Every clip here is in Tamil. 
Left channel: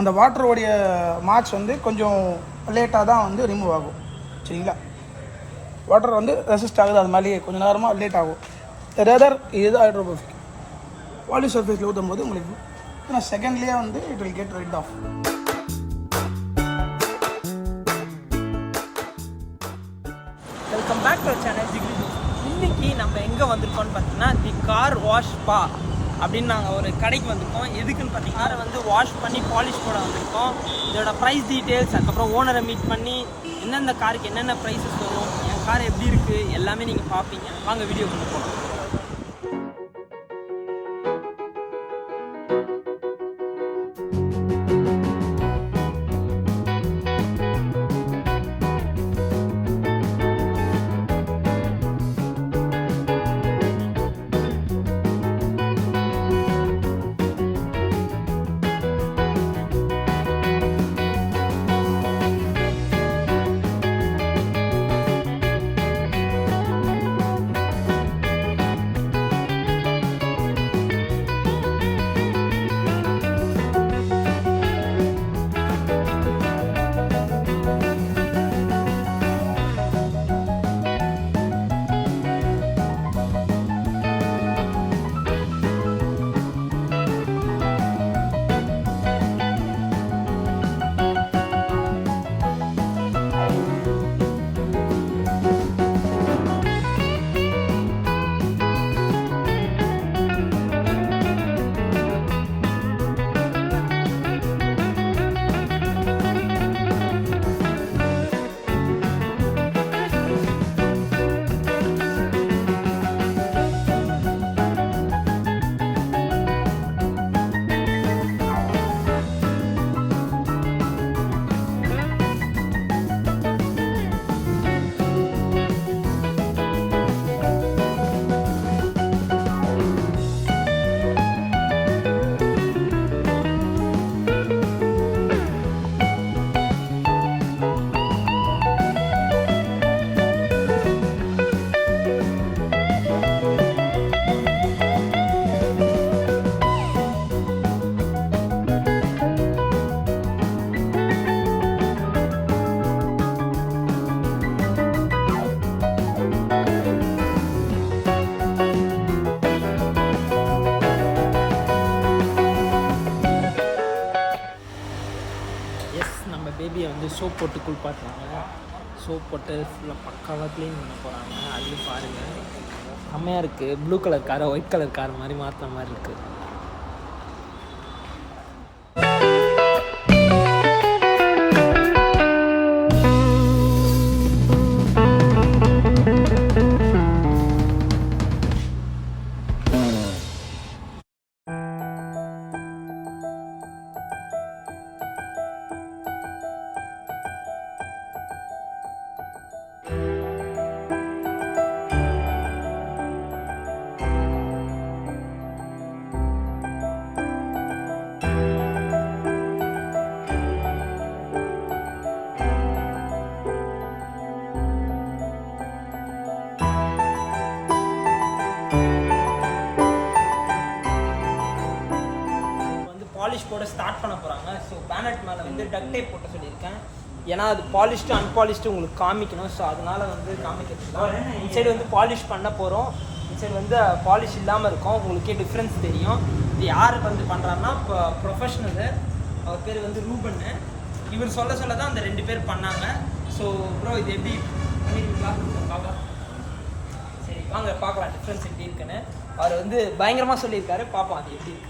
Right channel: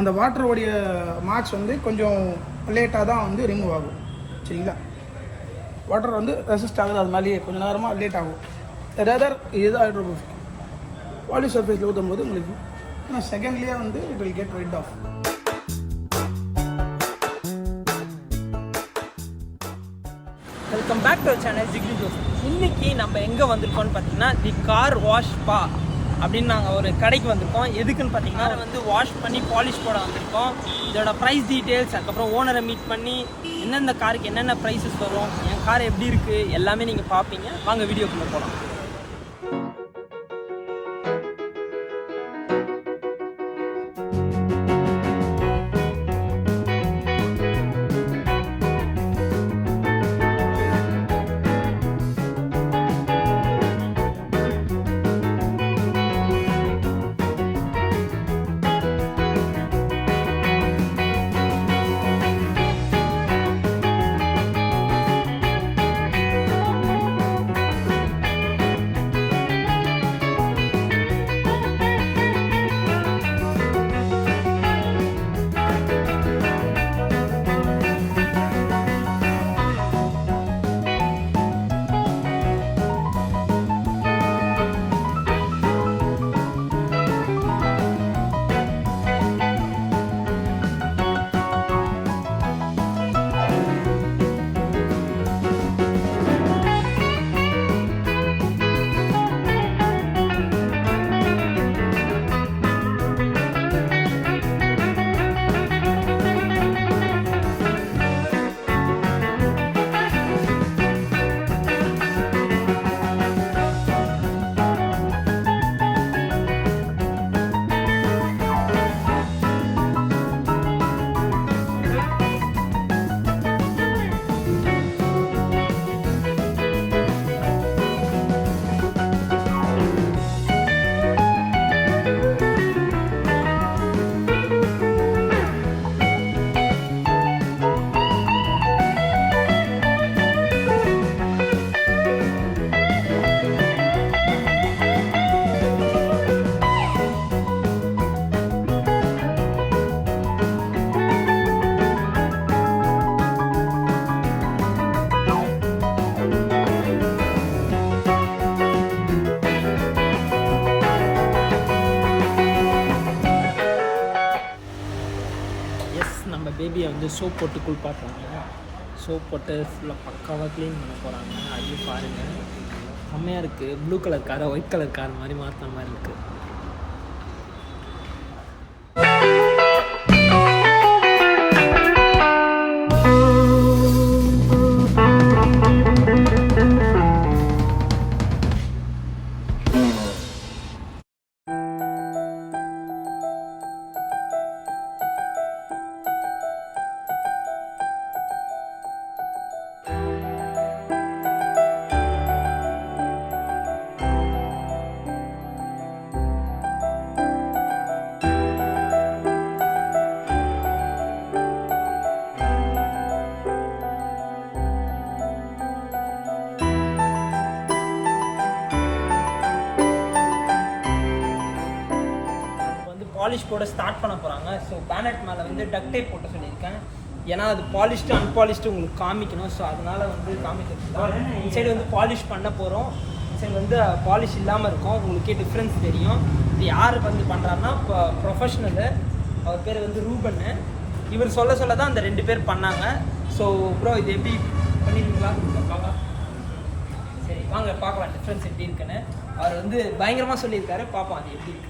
அந்த வாட்டரோடைய மார்க்ஸ் வந்து கொஞ்சம் லேட்டாக தான் வந்து ரிமூவ் ஆகும். சரிங்களா, வாட்டர் வந்து ரெசிஸ்ட் ஆகுது, அது மாதிரி கொஞ்சம் நேரமாக லேட் ஆகும். ரேதர் இது ஹைட்ரோபோபிக் பாலிஷ் சர்ஃபேஸில் ஊற்றும் போது உங்களுக்கு ஏன்னா செகண்ட்லேயே வந்து it will get rid of. Welcome back to channel ஜிக்ரி ஜோஸ். இன்றைக்கி நம்ம எங்கே வந்திருக்கோம்னு பார்த்தீங்கன்னா தி கார் வாஷ் பா அப்படின்னு நாங்கள் ஒரு கடைக்கு வந்திருக்கோம். எதுக்குன்னு பார்த்தீங்கன்னா வந்து வாஷ் பண்ணி பாலிஷ் போட வந்திருக்கோம். இதோட ப்ரைஸ் டீட்டெயில்ஸ், அதுக்கப்புறம் ஓனரை மீட் பண்ணி எந்தெந்த காருக்கு என்னென்ன ப்ரைஸஸ் வரும், என் கார் எப்படி இருக்குது எல்லாமே நீங்கள் பார்ப்பீங்க. வாங்க வீடியோக்குள்ளே போகலாம். நம்ம பேபியை வந்து சோப் போட்டு குளிப்பாட்டுறாங்க. சோப் போட்டு ஃபுல்லாக பக்காவாக க்ளீன் பண்ண போகிறாங்க. அதையும் பாருங்கள், செம்மையாக இருக்குது. ப்ளூ கலர் காரை ஒயிட் கலர் கார் மாதிரி மாற்றின மாதிரி இருக்குது. பாலிஷ் போட ஸ்டார்ட் பண்ண போகிறாங்க. ஸோ பேனட் மேலே வந்து டக் டேப் போட்ட சொல்லியிருக்கேன். ஏன்னா அது பாலிஷ்டு அன்பாலிஷ்டு உங்களுக்கு காமிக்கணும். ஸோ அதனால் வந்து காமிக்கிறதுலாம் இந்த சைடு வந்து பாலிஷ் பண்ண போகிறோம். இந்த சைடு வந்து பாலிஷ் இல்லாமல் இருக்கும். உங்களுக்கே டிஃப்ரென்ஸ் தெரியும். இது யார் வந்து பண்ணுறாருன்னா இப்போ ப்ரொஃபஷ்னலு, அவர் பேர் வந்து ரூபன்னு. இவர் சொல்ல தான் அந்த 2 பேர் பண்ணாங்க. ஸோ ப்ரோ இது எப்படி பண்ணிடுவீங்களா? பார்க்கலாம். சரி வாங்க பார்க்கலாம் டிஃப்ரென்ஸ் எப்படி இருக்குன்னு. அவர் வந்து பயங்கரமாக சொல்லியிருக்காரு. பார்ப்போம் அது எப்படி இருக்குது.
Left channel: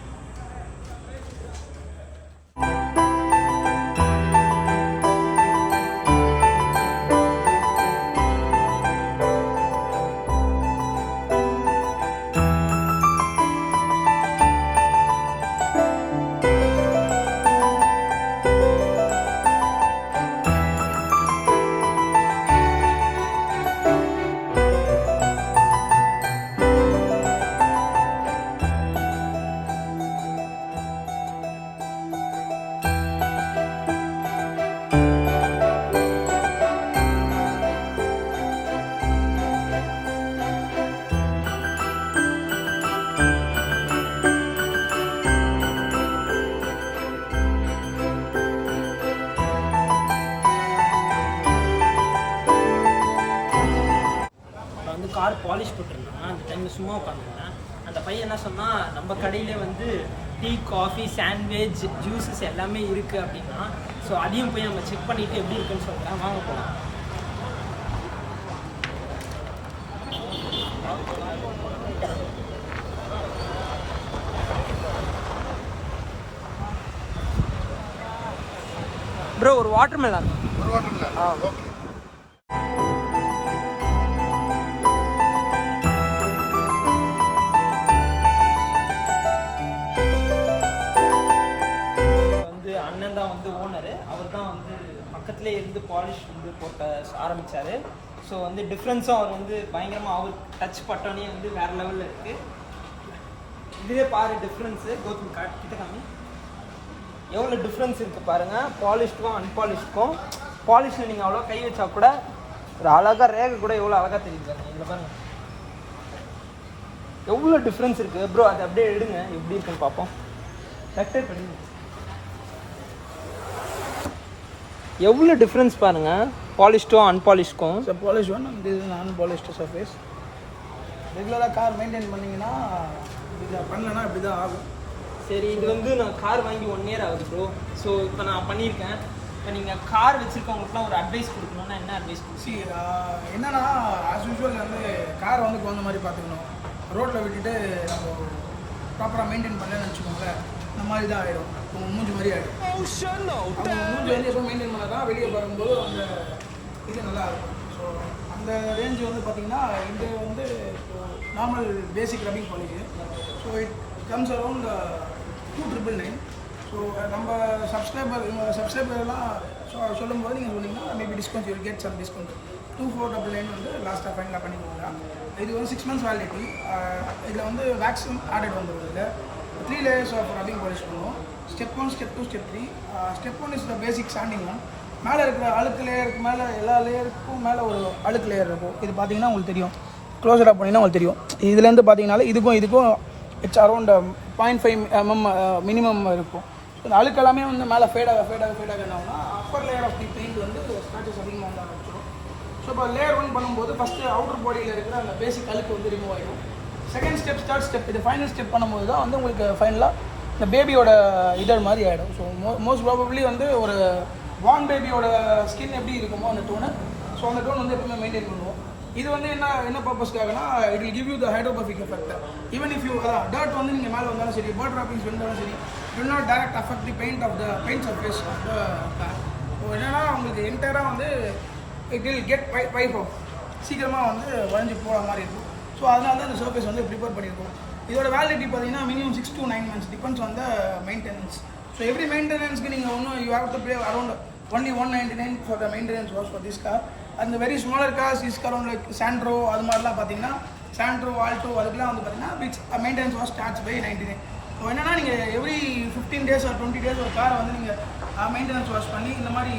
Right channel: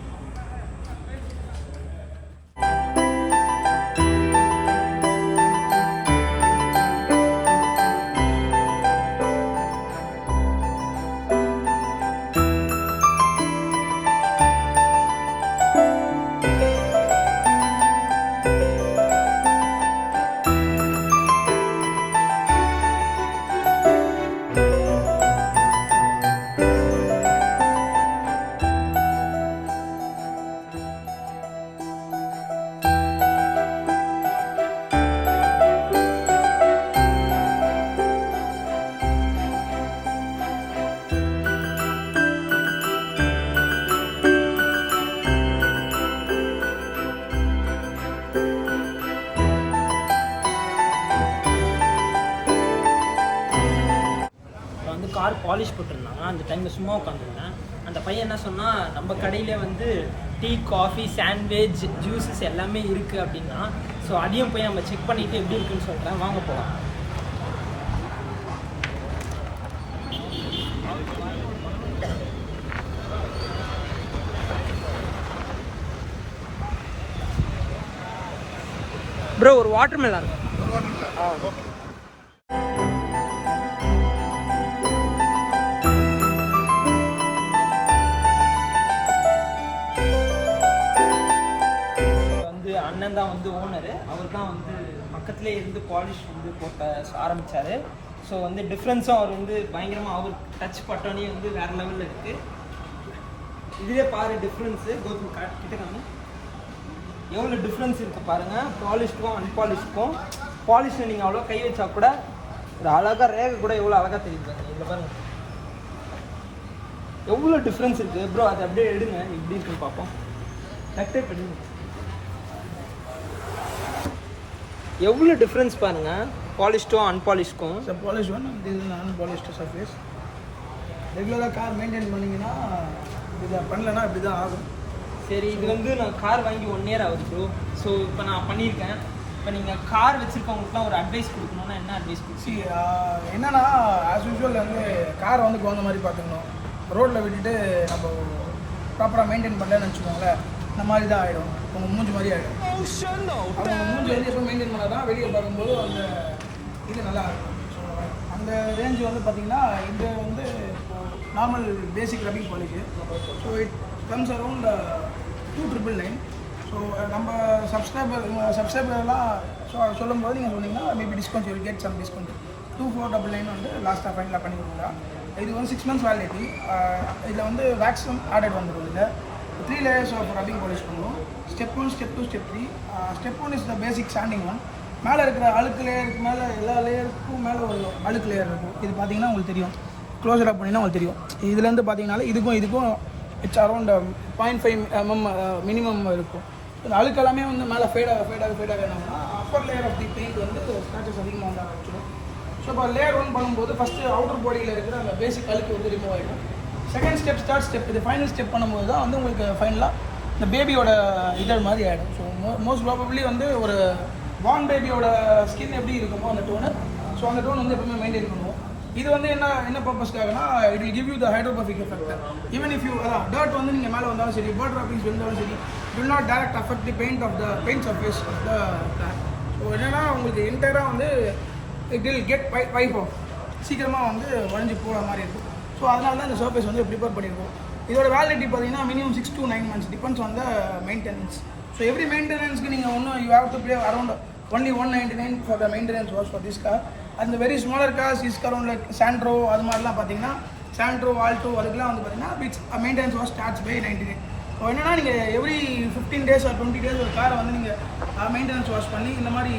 கார் பாலிஷ் போட்டிருந்தாங்க. அந்த டைமில் சும்மா உட்காந்துருந்தேன். அந்த பையன் என்ன சொன்னால், நம்ம கடையில் வந்து டீ, காஃபி, சாண்ட்விச், ஜூஸஸ் எல்லாமே இருக்குது அப்படின்னா. ஸோ அதையும் போய் நம்ம செக் பண்ணிவிட்டு எப்படி இருக்குன்னு சொல்கிறேன். வாங்க போகலாம். ப்ரோ ஒரு வாட்டர் மெலன். வந்து அண்ணன் தான் வந்து ஓனரு. அவர் தான் வந்து பக்கத்துலேயே இருந்து பாலிஷ் வந்து போட்ட ஆரம்பித்தார். ஸோ வந்து டிஃப்ரென்ஸும் அவர் வந்து பயங்கரமாக அவர் டச் பட்டோனே வந்து வேறு லெவலில் இருக்குது. இதுவே பாரு டிஃப்ரென்ஸு. கௌதம் கிட்ட காமி எவ்வளோ டிஃப்ரென்ஸ் இருக்குது பாருங்கள், பாலிஷ்க்கும் அன்பாலிஷ்க்கும். பாலிஷில் நீங்கள் அவ்வளோ கை வச்சா கூட ஒரு அழகாக ரேகை கூட எவ்வளோ அழகாக தெரியுது பாருங்கள். இவ்வளோ பாருங்கள் எவ்வளோ டிஃப்ரென்ஸ் இருக்குது. ப்ரோ அதை அப்படியே எடுங்க, எப்படி இருக்குன்னு பார்ப்போம். கரெக்டாக பண்ணி எவ்வளோ டிஃப்ரென்ஸ் பாருங்கள் பாலிஷ்டும் அன்பாலிஷ்க்கும். ஸோ பாலிஷ் ஒன், இது அன்பாலிஷ்டு சர்ஃபேஸ். ரெகுலராக கார் மெயின்டைன் பண்ணிங்கன்னா இதை பண்ணலன்னா இப்படி தான் ஆகும். சரி, இது வந்து நான் கார் வாங்கி 1 year ஆகுது ப்ரோ. ஸோ இப்போ நான் பண்ணியிருக்கேன். இப்போ நீங்கள் கார் வச்சுருக்கவங்களுக்குலாம் ஒரு அட்வைஸ் கொடுக்கணுன்னா என்ன அட்வைஸ் கொடுச்சி? என்னன்னா ஆஸ் யூஸ்வல் வந்து காரை வந்து குழந்த மாதிரி பார்த்துக்கணும். ரோட்டில் விட்டுட்டு நம்ம ப்ராப்பராக மெயின்டைன் பண்ணலன்னு வச்சுக்கோங்களேன், இந்த மாதிரி தான் ஆகிடும். உங்கள் மூஞ்சி மாதிரி ஆகிடும். அவங்க மூஞ்சி வந்து எப்போ மெயின்டைன் பண்ணால் தான் வெளியே பார்க்கும்போது அந்த இது நல்லா இருக்கும். ஸோ அந்த ரேஞ்சு வந்து பார்த்திங்கன்னா இது வந்து இப்போது normal basic rubbing polish. So it comes around 2,999. So நம்ம சப்ஸ்கிரைபர்லாம் சொல்லும்போது நீங்கள் சொன்னீங்கன்னா maybe discount you will get some discount. 2,499 வந்து லாஸ்ட்டாக ஃபைனலாக பண்ணி கொடுக்கலாம். இது வந்து 6 months வேலிடிட்டி. இதில் வந்து வேக்ஸும் ஆடட் வந்துடும். இதில் 3 layers ஆஃப் ரப்பிங் பாலிஷ் பண்ணுவோம். Step 1, step 2, step 3. Step 1 is the basic standing one. மேலே இருக்கிற அழுக்கு லேயருக்கு மேலே எல்லா லேயருக்கும் மேலே ஒரு அழுக்கு லேயர் இருக்கும். இது பார்த்தீங்கன்னா உங்களுக்கு தெரியும், க்ளோஸர் அப் பண்ணிங்கன்னா உங்களுக்கு தெரியும். இதுலேருந்து பார்த்தீங்கன்னாலே இதுக்கும் இட்ஸ் அரௌண்ட் 0.5 mm மினிமம் இருக்கும். இந்த அழுக்கு எல்லாமே வந்து மேலே ஃபேடாக என்னன்னா upper layer of the paint வந்து ஸ்க்ராச்சஸ் அதிகமாக வந்து ஆரம்பிச்சிடும். ஸோ இப்போ லேயர் 1 பண்ணும்போது ஃபஸ்ட்டு அவுட்டர் பாடியில் இருக்கிற அந்த பேசிக் அழுக்கு வந்து ரிமூவ் ஆகிடும். செகண்ட் ஸ்டெப், தேர்ட் ஸ்டெப், இது ஃபைனல் ஸ்டெப் பண்ணும்போது தான் வந்து உங்களுக்கு ஃபைனலாக இந்த பேபியோட இதழ் மாதிரி ஆகிடும். ஸோ மோஸ்ட் ப்ராபப்ளி வந்து ஒரு வார்ம் பேபியோட ஸ்கின் எப்படி இருக்குமோ அந்த டோனு, ஸோ அந்த டோன் வந்து எப்பவுமே மெயின்டைன் பண்ணுவோம். இது வந்து என்ன பர்பஸ்க்காகனா it will give you the hydrophobic effect. Even if you dirt வந்து நீங்கள் மேலே வந்தாலும் சரி, பேர்ட் ட்ராப்பிங்ஸ் வந்தாலும் சரி, it will not direct affect the paint surface of the car. So என்னென்னா உங்களுக்கு என்டையராக வந்து it will get wipe off, சீக்கிரமாக வந்து வளைஞ்சு போகிற மாதிரி இருக்கும். ஸோ அதனால தான் இந்த சர்ஃபேஸ் வந்து ப்ரிப்பேர் பண்ணியிருக்கோம். இதோட வேலிடிட்டி பார்த்தீங்கன்னா minimum 6 to 9 months depends on the maintenance. So every மெயின்டெனன்ஸ்க்கு நீங்கள் ஒன்றும் you have to pay around only 199 for the maintenance was for this car. And the very smaller cars is around like Sandro, அது மாதிரிலாம் பார்த்தீங்கன்னா Sandro, Alto அதுக்கெல்லாம் வந்து பார்த்தீங்கன்னா which maintenance was starts by 99. So என்னன்னா நீங்கள் எவ்ரி 15 days or 20 days ஒரு காரை வந்து நீங்கள் மெயின்டெனன்ஸ் வாஷ் பண்ணி இந்த மாதிரி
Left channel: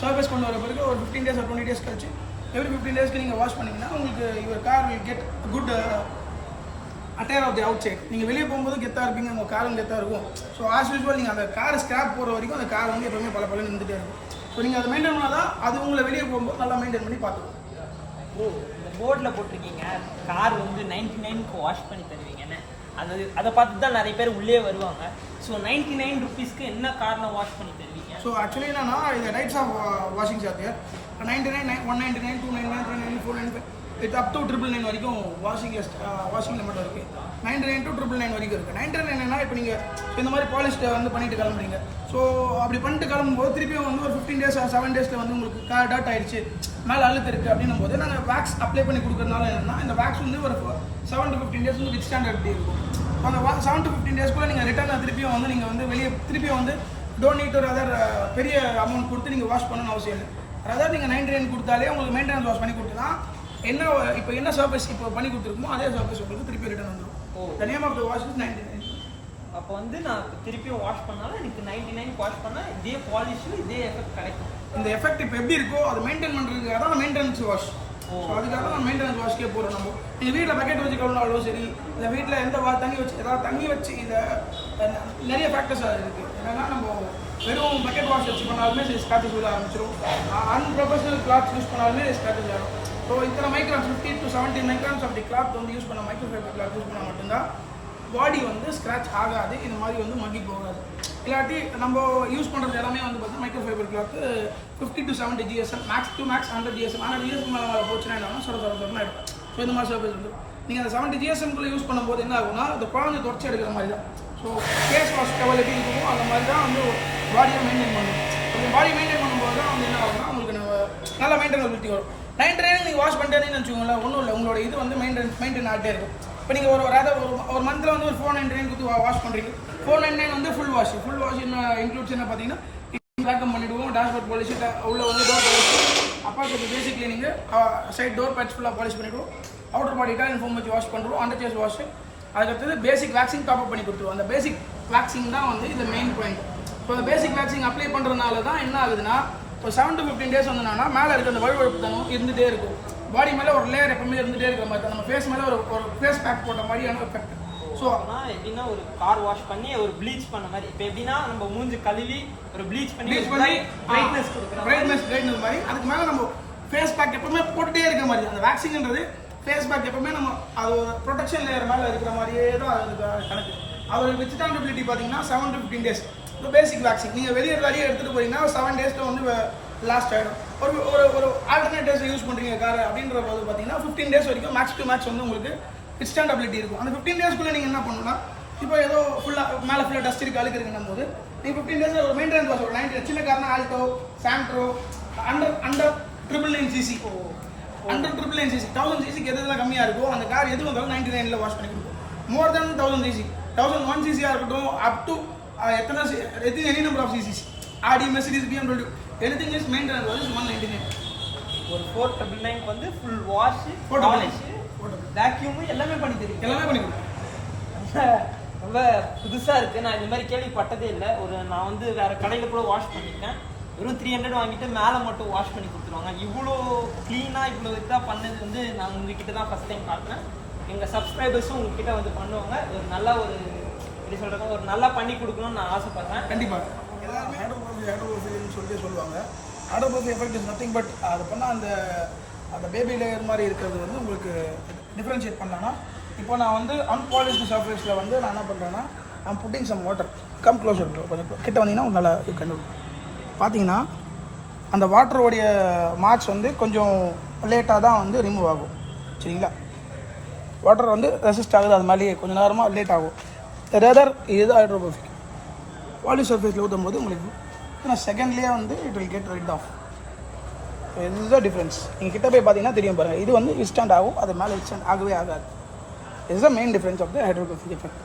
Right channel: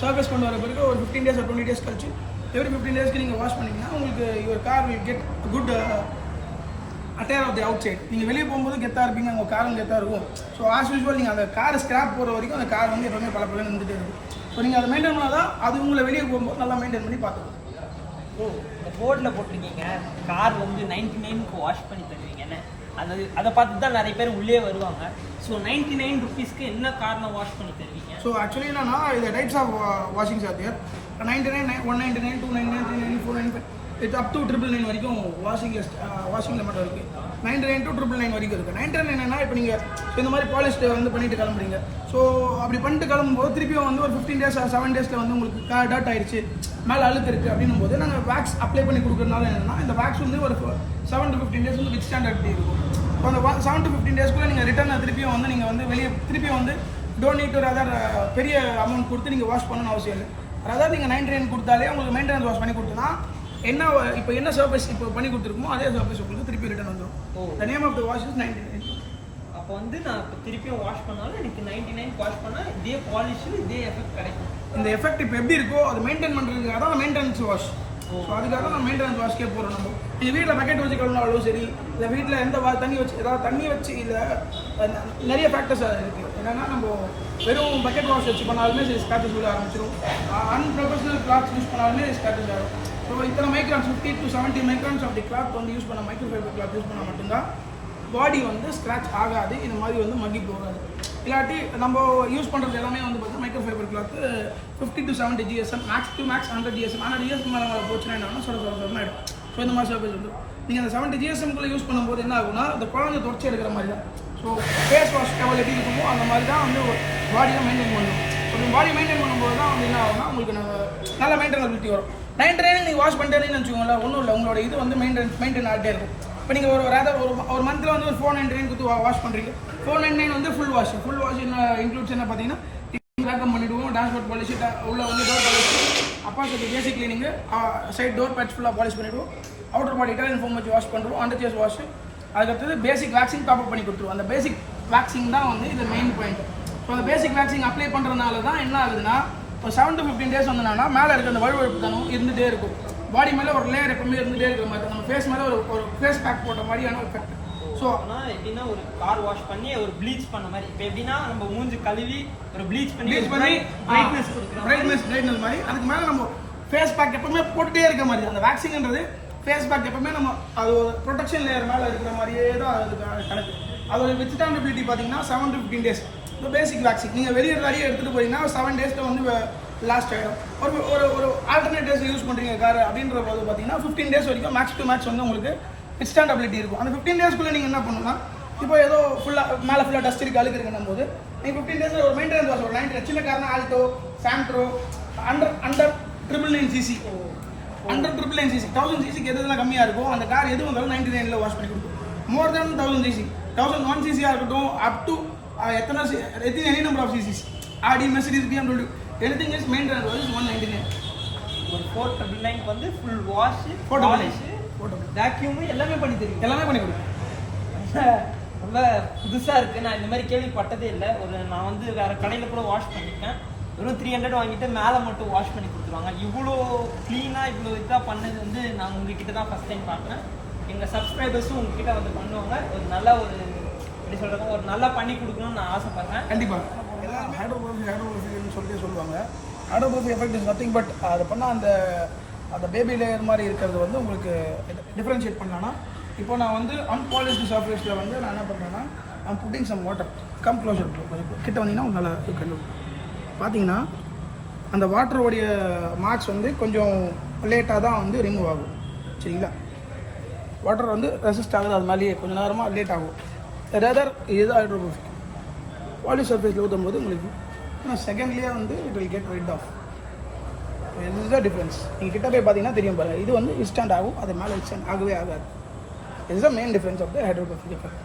சர்வீஸ் கொண்டு வர பிறகு ஒரு 15 days or 20 days கழிச்சு எவ்ரி 15 daysக்கு நீங்கள் வாஷ் பண்ணிங்கன்னா உங்களுக்கு your car will get good attire of the outside. நீங்கள் வெளியே போகும்போது கெத்தாக இருப்பீங்க, உங்கள் காரும் கெத்தாக இருக்கும். ஸோ ஆஸ் யூஸ்வல் நீங்கள் அந்த கார் ஸ்கிராப் போகிற வரைக்கும் அந்த கார் வந்து எப்பவுமே பல நின்றுட்டே இருக்கும். ஸோ நீங்கள் அதை மெயின்டைன் பண்ணால் தான் அது உங்களை வெளியே போகும்போது நல்லா மெயின்டைன் பண்ணி பார்த்துக்கும். ஓ, இந்த போர்டில் போட்டிருக்கீங்க கார் வந்து 99க்கு வாஷ் பண்ணி தருவீங்கன்னு. அதை பார்த்து தான் நிறைய பேர் உள்ளே வருவாங்க. ஸோ 99 rupeesக்கு என்ன கார்னா வாஷ் பண்ணி தருவீங்க? ஸோ ஆக்சுவலி என்னன்னா இந்த types of washings are there. 99, 199, 299, 399, 499, it up to 999 வரைக்கும் வாஷிங்கில் மட்டும் இருக்குது. 99 to 999 வரைக்கும் இருக்குது. 99 என்னன்னா இப்போ நீங்கள் இந்த மாதிரி பாலிஸ்ட்டை வந்து பண்ணிட்டு கிளம்புறீங்க. ஸோ அப்படி பண்ணிட்டு கிளம்பும்போது திருப்பியும் வந்து ஒரு 15 days or 7 daysல வந்து உங்களுக்கு டர்ட் ஆயிடுச்சு, மேலே அழுத்து இருக்குது அப்படின்னும் போது நாங்கள் வேக்ஸ் அப்ளை பண்ணி கொடுக்குறதுனால என்னன்னா இந்த வேக்ஸ் வந்து ஒரு 7 to 15 days வந்து வித் ஸ்டாண்டர்ட் எப்படி இருக்கும். ஸோ அந்த 7 to 15 daysக்குள்ளே நீங்கள் ரிட்டர்ன் திருப்பியும் வந்து நீங்கள் வந்து வெளியே திருப்பியும் வந்து டோன்ட் நீட் ஒரு அதர் பெரிய அமௌண்ட் கொடுத்து நீங்கள் வாஷ் பண்ணணும்னு அவசியம் இல்லை. அதாவது நீங்கள் 99 கொடுத்தாலே உங்களுக்கு மெயின்டெனன்ஸ் வாஷ் பண்ணி கொடுத்தா என்ன இப்போ என்ன சர்வீஸ் இப்போ பண்ணி கொடுத்துருக்கோமோ அதே சர்வீஸ் உங்களுக்கு திருப்பி ரிட்டர்ன் வந்துடும். The name of the wash is 99. அப்போ வந்து நான் இப்போ திருப்பியும் வாஷ் பண்ணாலும் எனக்கு 99 வாஷ் பண்ணால் இதே பாலிஷ் இதே எஃபெக்ட் கிடைக்கும். இந்த எஃபெக்ட் இப்போ எப்படி இருக்கோ அது மெயின்டைன் பண்ணுறதுக்காக தான் மெயின்டெனன்ஸ் வாஷ். ஸோ அதுக்காக தான் மெயின்டெனன்ஸ் வாஷ்க்கே போகிறோம். நம்ம நீங்கள் வீட்டில் பக்கெட் வச்சு கழுவினாலும் சரி, இல்லை வீட்டில் எந்த தண்ணி வச்சு ஏதாவது தண்ணி வச்சு இதில் நிறைய ஃபேக்டர்ஸ் இருக்குது. என்னென்னா நம்ம வெறும் பக்கெட் வாஷ் வச்சு பண்ணாலுமே ஸ்க்ராச்சஸ் விழ ஆரம்பிச்சிடும். அன்ப்ரொஃபஷனல் கிளாத்ஸ் யூஸ் பண்ணாலுமே ஸ்க்ராச்சஸ் ஆகிடும். ஸோ ஸோ இத்தனை மைக்ரான்ஸ் 50 to 70 மைக்ரான்ஸ் அப்படி கிளாத் வந்து யூஸ் பண்ண மைக்ரோ ஃபைபர் கிளாத் யூஸ் பண்ணால் மட்டும்தான் பாடி வந்து ஸ்க்ராட்ச் ஆகாது, இது மாதிரி வந்து மக்கி போகாது. இல்லாட்டி நம்ம யூஸ் பண்ணுறது எல்லாமே வந்து பார்த்தீங்கன்னா micro fibre cloth 50 to 70 GSM, max to max 100 GSM. ஆனால் GSM மேலே போச்சுன்னா என்ன சொல்ல ஆகிடும். ஸோ இந்த மாதிரி சர்ஃபேஸ் வந்து நீங்கள் அந்த 70 GSMக்குள்ளே யூஸ் பண்ணும்போது என்ன ஆகும்னா அந்த குழந்தை தொடச்சி எடுக்கிற மாதிரி தான். ஸோ ஃபேஸ் வாஷ் லெவல் எப்படி இருக்குமோ அந்த மாதிரி தான் வந்து பாடியை மெயின்டைன் பண்ணும். ஸோ பாடி மெயின்டைன் பண்ணும்போது தான் வந்து என்ன ஆகும்னா உங்களுக்கு நல்ல மெயின்டெனபிலிட்டி வரும். நைட் ட்ரைனிங் நீங்கள் வாஷ் பண்ணிட்டேன்னு வச்சுக்கோங்களேன், ஒன்றும் இல்லை, உங்களோட இது வந்து மெயின்டைன் ஆகிட்டே இருக்கும். இப்போ நீங்கள் ஒரு மந்தில் வந்து ஒரு 499 கொடுத்து வாஷ் பண்ணுறீங்க. 499 வந்து ஃபுல் வாஷ் என்ன இன்க்ளூட்ஸ் என்ன பார்த்தீங்கன்னா வேக்கம் பண்ணிவிடுவோம், டேஷ்போர்ட் பாலிஷ், உள்ள வந்து டோர் பாலிஷ், அப்பாக்கு பேசிக் கிளீனிங்கு, சைட் டோர் பேட்ச் ஃபுல்லாக பாலிஷ் பண்ணிவிடுவோம், அவுட்டர் பாடி இட்டாலியன் ஃபோம் வச்சு வாஷ் பண்ணுறோம், அண்டர் சேஸ் வாஷ். அதுக்கடுத்தது பேசிக் வேக்சிங் டாப்அப் பண்ணி கொடுத்துருவோம். அந்த பேசிக் வேக்சிங் தான் வந்து இது மெயின் பாயிண்ட். ஸோ அந்த பேசிக் வேக்சிங் அப்ளை பண்ணுறதுனால தான் என்ன ஆகுதுன்னா இப்போ 7 to 15 days வந்தோம்னா மேலே இருக்க அந்த வழுவழுப்பு தனம் இருந்துகிட்டே இருக்கும். பாடி மேலே ஒரு லேயர் எப்பவுமே இருந்துகிட்டே இருக்கிற மாதிரி தான். நம்ம ஃபேஸ் மேலே ஒரு ஃபேஸ் பேக் போட்ட மாதிரியான எஃபெக்ட். ஸோ ஆனால் எப்படின்னா ஒரு கார் வாஷ் பண்ணி ஒரு ப்ளீச் பண்ண மாதிரி, இப்போ எப்படின்னா நம்ம மூஞ்சி கழுவி ஒரு ப்ளீச் பண்ணி பிரைட்னஸ் மாதிரி அதுக்கு மேலே நம்ம ஃபேஸ் பேக் எப்பவுமே போட்டுகிட்டே இருக்க மாதிரி. அந்த வேக்சின்ன்றது ஃபேஸ் பேக் எப்பவுமே நம்ம அது ஒரு ப்ரொடெக்ஷன் லேயர் மேலே இருக்கிற மாதிரியே தான் அதுக்கு கணக்கு. அதோட வித்ஸ்டாண்டபிலிட்டி பார்த்தீங்கன்னா 7 to 15 days. இப்போ பேசிக் வேக்சின் நீங்கள் வெளியே நிறைய எடுத்துகிட்டு போனீங்கன்னா 7 days வந்து லாஸ்ட் ஆகிடும். ஒரு ஆல்டர்னேட்டிவ்ஸ் யூஸ் பண்ணுறீங்க கார் அப்படின்ற போது பார்த்தீங்கன்னா 15 days வரைக்கும் மேக்ஸ் டு மேக்ஸ் வந்து உங்களுக்கு வித்ஸ்டாண்டபிலிட்டி இருக்கும். அந்த 15 daysக்குள்ளே நீங்கள் என்ன பண்ணணும்னா இப்போ ஏதோ மேலே ஃபுல்லாக டஸ்ட் இருக்கு அழுக்கு இருக்குன்னும் போது நீங்கள் 15 days ஒரு மெயின்டெனன்ஸ் வாஷ் ஒரு 90 சின்ன காரணம் Alto Santro under 999cc under 999cc 1000cc எதுலாம் கம்மியாக இருக்கும் அந்த கார் எது வந்தாலும் 99ல் வாஷ் பண்ணி கொடுக்கும். மோர் தென் 1000cc 1001cc இருக்கட்டும் up to any number of CCs Audi Mercedes BMW anything is maintenance wash 199. ஒரு 499 வந்து ஃபுல் வாஷ் பாலிஷ் வேக்யூம் எல்லாமே பண்ணி கொடுக்கும். ரொம்ப புதுசாக இருக்குது, நான் இந்த மாதிரி கேள்விப்பட்டதே இல்லை. நான் வந்து வேறு கடையில் கூட வாஷ் பண்ணியிருக்கேன், வெறும் 300 வாங்கிட்டு மேலே மட்டும் வாஷ் பண்ணி கொடுத்துருவாங்க. இவ்வளோ க்ளீனாக இவ்வளோ இதாக பண்ணது வந்து நான் உங்ககிட்ட தான் ஃபஸ்ட் டைம் பார்க்குறேன். எங்கள் சப்ஸ்கிரைபர்ஸும் உங்ககிட்ட வந்து பண்ணுவாங்க. ஒரு நல்ல எப்படி சொல்கிறாங்க, ஒரு நல்லா பண்ணி கொடுக்கணும்னு நான் ஆசைப்பட்றேன். கண்டிப்பாக எல்லாருமே ஹைட்ரோபோஃபின்னு சொல்லுவாங்க. ஹைட்ரோபோஃபி எஃபெக்ட் இஸ் நத்திங் பட் அது பண்ணால் அந்த பேபி லேயர் மாதிரி இருக்கிறது வந்து உங்களுக்கு டிஃப்ரென்ஷியேட் பண்ணலான்னா இப்போ நான் வந்து அன்பாலிஷ்டு சர்ஃபேஸில் வந்து நான் என்ன பண்ணுறேன்னா நான் putting some water come closer கிட்ட வந்தீங்கன்னா நல்லா இருக்கு. பார்த்தீங்கன்னா அந்த வாட்டருடைய மார்க்ஸ் வந்து கொஞ்சம் லேட்டாக தான் வந்து ரிமூவ் ஆகும். சரிங்களா, வாட்டர் வந்து ரெசிஸ்ட் ஆகுது, அது மாதிரி கொஞ்சம் நேரமாக லேட் ஆகும். ரேதர் இது ஹைட்ரோபோஃபிக் பாலிஷ் சர்ஃபேஸில் ஊற்றும் போது உங்களுக்கு ஆனால் செகண்ட்லேயே வந்து it will get rid of. இதுதான் டிஃப்ரென்ஸ். நீங்கள் கிட்ட போய் பார்த்தீங்கன்னா தெரியும் பாருங்கள், இது வந்து இன்ஸ்டன்ட் ஆகும், அது மேலே இன்ஸ்டன்ட் ஆகவே ஆகாது. இதுதான் main difference of the hydrophobic effect.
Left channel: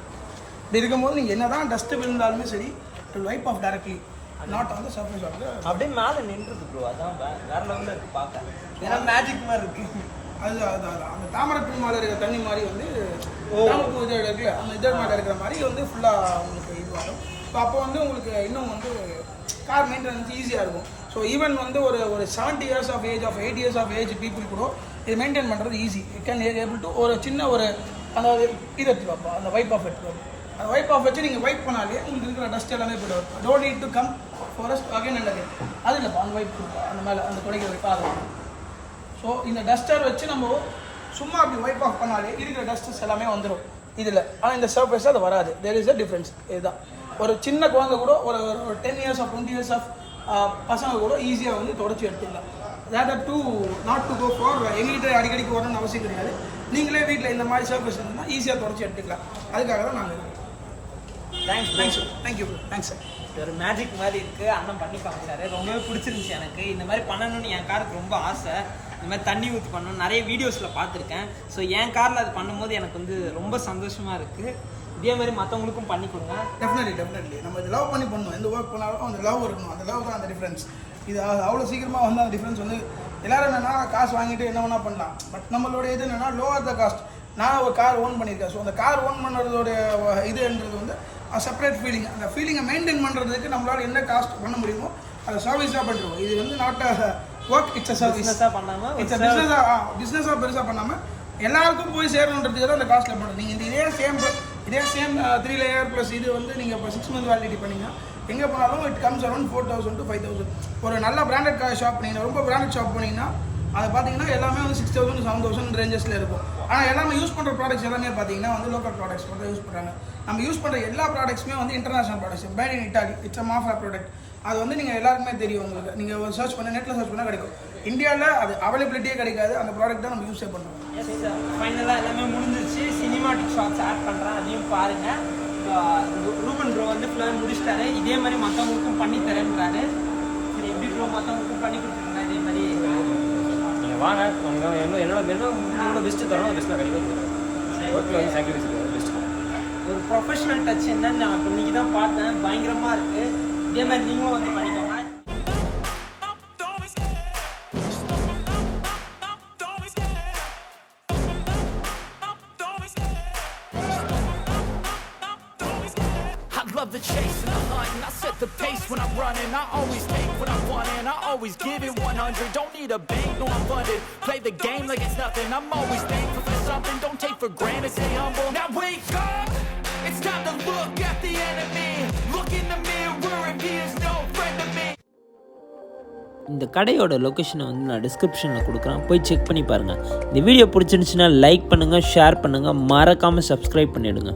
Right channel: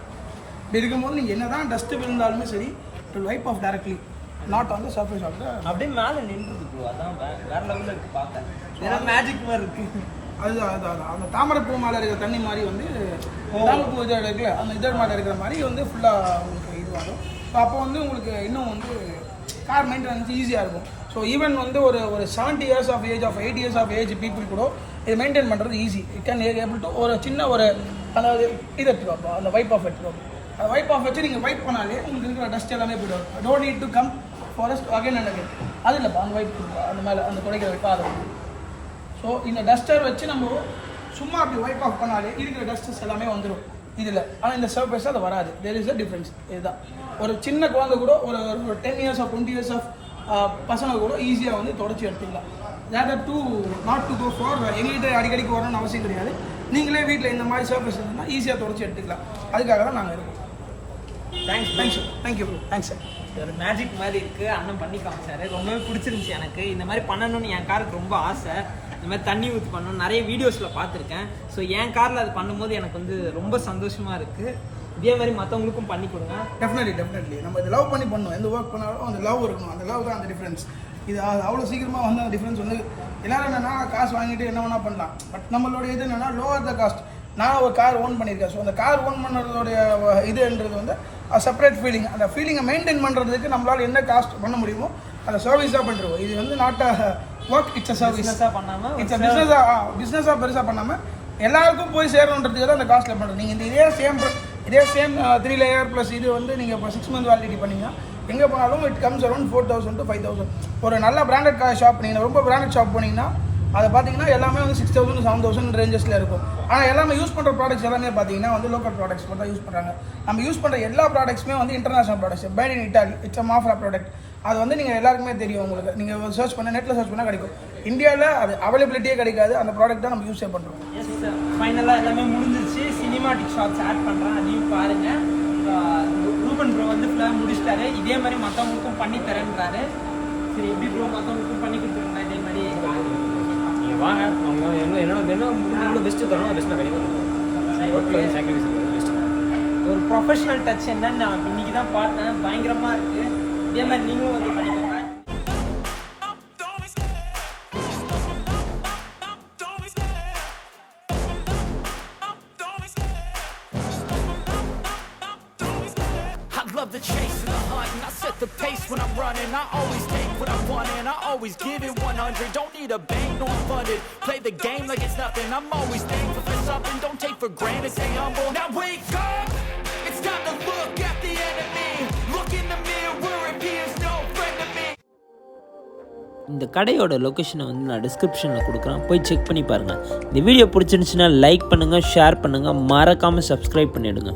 இப்படி இருக்கும்போது நீங்கள் என்ன தான் டஸ்ட்டு விழுந்தாலுமே சரி to wipe off directly not on the surface of the அப்படியே மேலே நின்றுது ப்ரோ. அதான் வேற லெவலில் இருக்குது பார்க்க, ஏன்னா மேஜிக் மாதிரி இருக்குது. அதுதான் அந்த தாமரைப்பூ மேலே இருக்கிற தண்ணி மாதிரி வந்து தாமரைப்பூ இதழ் இருக்குல்ல அந்த இதழ் மேலே இருக்கிற மாதிரி வந்து ஃபுல்லாக உங்களுக்கு இது வரும். ஸோ அப்போ வந்து உங்களுக்கு இன்னும் வந்து கார் மெயின்டெனன்ஸ் ஈஸியாக இருக்கும். ஸோ ஈவன் வந்து ஒரு 70 years of age of 8 years of age people கூட இது மெயின்டைன் பண்ணுறது easy. It can able to ஒரு சின்ன அந்த இது எடுத்துக்கோப்பா, அந்த வைப் ஆஃப் எடுத்துக்கோப்பா. அந்த வைப் ஆஃப் வச்சு நீங்கள் வைப் பண்ணாலே உங்களுக்கு இருக்கிற டஸ்ட் எல்லாமே போய்டும். Don't need to come forest again and again. அது இல்லைப்பா, அந்த வைப் கொடுப்பா, அந்த மேலே அந்த துடைக்கிற வைப்பா அதை. ஸோ இந்த டஸ்டர் வச்சு நம்ம சும்மா அப்படி வைப் ஆஃப் பண்ணாலே இருக்கிற டஸ்டஸ் எல்லாமே வந்துடும் இதில். ஆனால் இந்த சர்ஃபேஸ் அது வராது. There is a difference. இதுதான் ஒரு சின்ன குழந்தை கூட ஒரு 10 years ஆஃப் 20 years ஆஃப் பசங்க கூட ஈஸியாக வந்து தொடச்சி எடுத்துக்கலாம். Rather to not to go for எங்ககிட்ட அடிக்கடிக்கு வரணும்னு அவசியம் கிடையாது. நீங்களே வீட்டில் இந்த மாதிரி சர்ஃபேஸ் இருந்ததுன்னா ஈஸியாக தொடச்சி எடுத்துக்கலாம். அதுக்காக தான் நாங்கள் இருக்கோம். Thank you sir. ஒரு மேஜிக் மாதிரி இருக்குது, அண்ணன் பண்ணி காமிச்சாரு, ரொம்பவே பிடிச்சிருந்துச்சி எனக்கு. இந்த மாதிரி பண்ணணும்னு என் காருக்கு ரொம்ப ஆசை. இந்த மாதிரி தண்ணி ஊற்றி பண்ணணும் நிறைய வீடியோஸில் பார்த்துருக்கேன். ஸோ என் காரில் அது பண்ணும்போது எனக்கு வந்து ரொம்ப சந்தோஷமாக இருக்குது. இதே மாதிரி மற்றவங்களுக்கும் பண்ணி கொடுங்க. டெஃபினெட்லி நம்ம இது லவ் பண்ணி பண்ணணும். எந்த ஒர்க் பண்ணாலும் அந்த லவ் இருக்கணும். அந்த லவ் தான் அந்த டிஃப்ரென்ஸ். இது அவ்வளோ சீக்கிரமாக வந்து அந்த டிஃப்ரென்ஸ் வந்து எல்லோரும் என்னென்னா காசு வாங்கிட்டு என்ன வேணால் பண்ணலாம். பட் நம்மளோட இது என்னென்னா லோவர் த காஸ்ட். நான் ஒரு கார் ஓன் பண்ணியிருக்கேன். ஸோ அந்த கார் ஓன் பண்ணுறதோடைய இதுன்றது வந்து செப்பரேட் ஃபீலிங். அந்த ஃபீலிங்கை மெயின்டைன் பண்ணுறதுக்கு நம்மளால் என்ன காஸ்ட் பண்ண முடியுமோ அதை சர்வீஸாக பண்ணுறோம். இது வந்து not a work, it's a service. It's a பிஸ்னஸாக பெருசாக பண்ணாமல் எல்லாருக்கும் போய் சேரணுன்றதுக்கு தான் அந்த காஸ்ட்டில் பண்ணுறது. நீங்கள் இதே சேம் 3 layer ப்ளஸ் இது வந்து நீங்கள் இப்போ 6 month வேலிடிட்டி பண்ணிங்கன்னா எங்கே போனாலும் இட் கம்ஸ் அரௌண்ட் 4000 to 5000. ஒரு நல்ல பிராண்டட் ஷாப் பண்ணிங்கன்னா ரொம்ப பிராண்டட் ஷாப் போனீங்கன்னா அதை பார்த்தீங்கன்னா எல்லாமே வந்து 6,000 7,000 ரேஞ்சஸில் இருக்கும். ஆனால் எல்லாமே யூஸ் பண்ணுற ப்ராடக்ட்ஸ் எல்லாமே பார்த்தீங்கன்னா வந்து லோக்கல் ப்ராடக்ட்ஸ் மட்டும் தான் யூஸ் பண்ணுறாங்க. நம்ம யூஸ் பண்ணுற எல்லா ப்ராடக்ட்ஸுமே வந்து international products, made in Italy, it's a Mafoi product. அது வந்து நீங்கள் எல்லாருக்குமே தெரியும், உங்களுக்கு நீங்கள் சர்ச் பண்ண நெட்டில் சர்ச் பண்ணால் கிடைக்கும். இந்தியாவில் அது அவைலபிலிட்டியே கிடைக்காது, அந்த ப்ராடக்ட் தான் நம்ம யூஸே பண்ணுறோம். எஸ் ஃபைனலாக எல்லாமே முடிஞ்சிருச்சு. சினிமாட்டிக் ஷார்ட்ஸ் ஆட் பண்ணுறேன், அதையும் பாருங்கள். ரூபன் ப்ரோ வந்து ஃபுல்லாக முடிச்சிட்டாரு. இதே மாதிரி மற்றவங்களுக்கும் பண்ணி தரேன்றாரு. சரி, எப்படி ப்ரோ மற்றவங்களுக்கும் பண்ணி கொடுத்துருங்க இதே மாதிரி? வாங்க, என்னோட பெஸ்ட்டு தரோம், பெஸ்ட்டாக கண்டிப்பாக ஒரு ப்ரொஃபஷனல் டச் என்னன்னு நான் இன்னைக்கு தான் பார்த்தேன். பயங்கரமாக இருக்குது. இதே மாதிரி நீங்களும் வந்து பண்ணிக்கோங்க. I love the chase and the hunt, and I set the pace when I'm running. I always take what I want and I always give it 100. Don't need a bank, no I'm funded. Play the game like it's nothing. I'm always thankful for something. Don't take for granted, stay humble. Now wake up, it's time to look at the enemy. Look in the mirror if he is no friend to me. இந்த கடையோட லொக்கேஷனை வந்து நான் டிஸ்கிரிப்ஷனில் கொடுக்குறேன், போய் செக் பண்ணி பாருங்கள். இந்த வீடியோ பிடிச்சிருந்துச்சுன்னா லைக் பண்ணுங்கள், ஷேர் பண்ணுங்கள், மறக்காமல் சப்ஸ்கிரைப் பண்ணிவிடுங்க.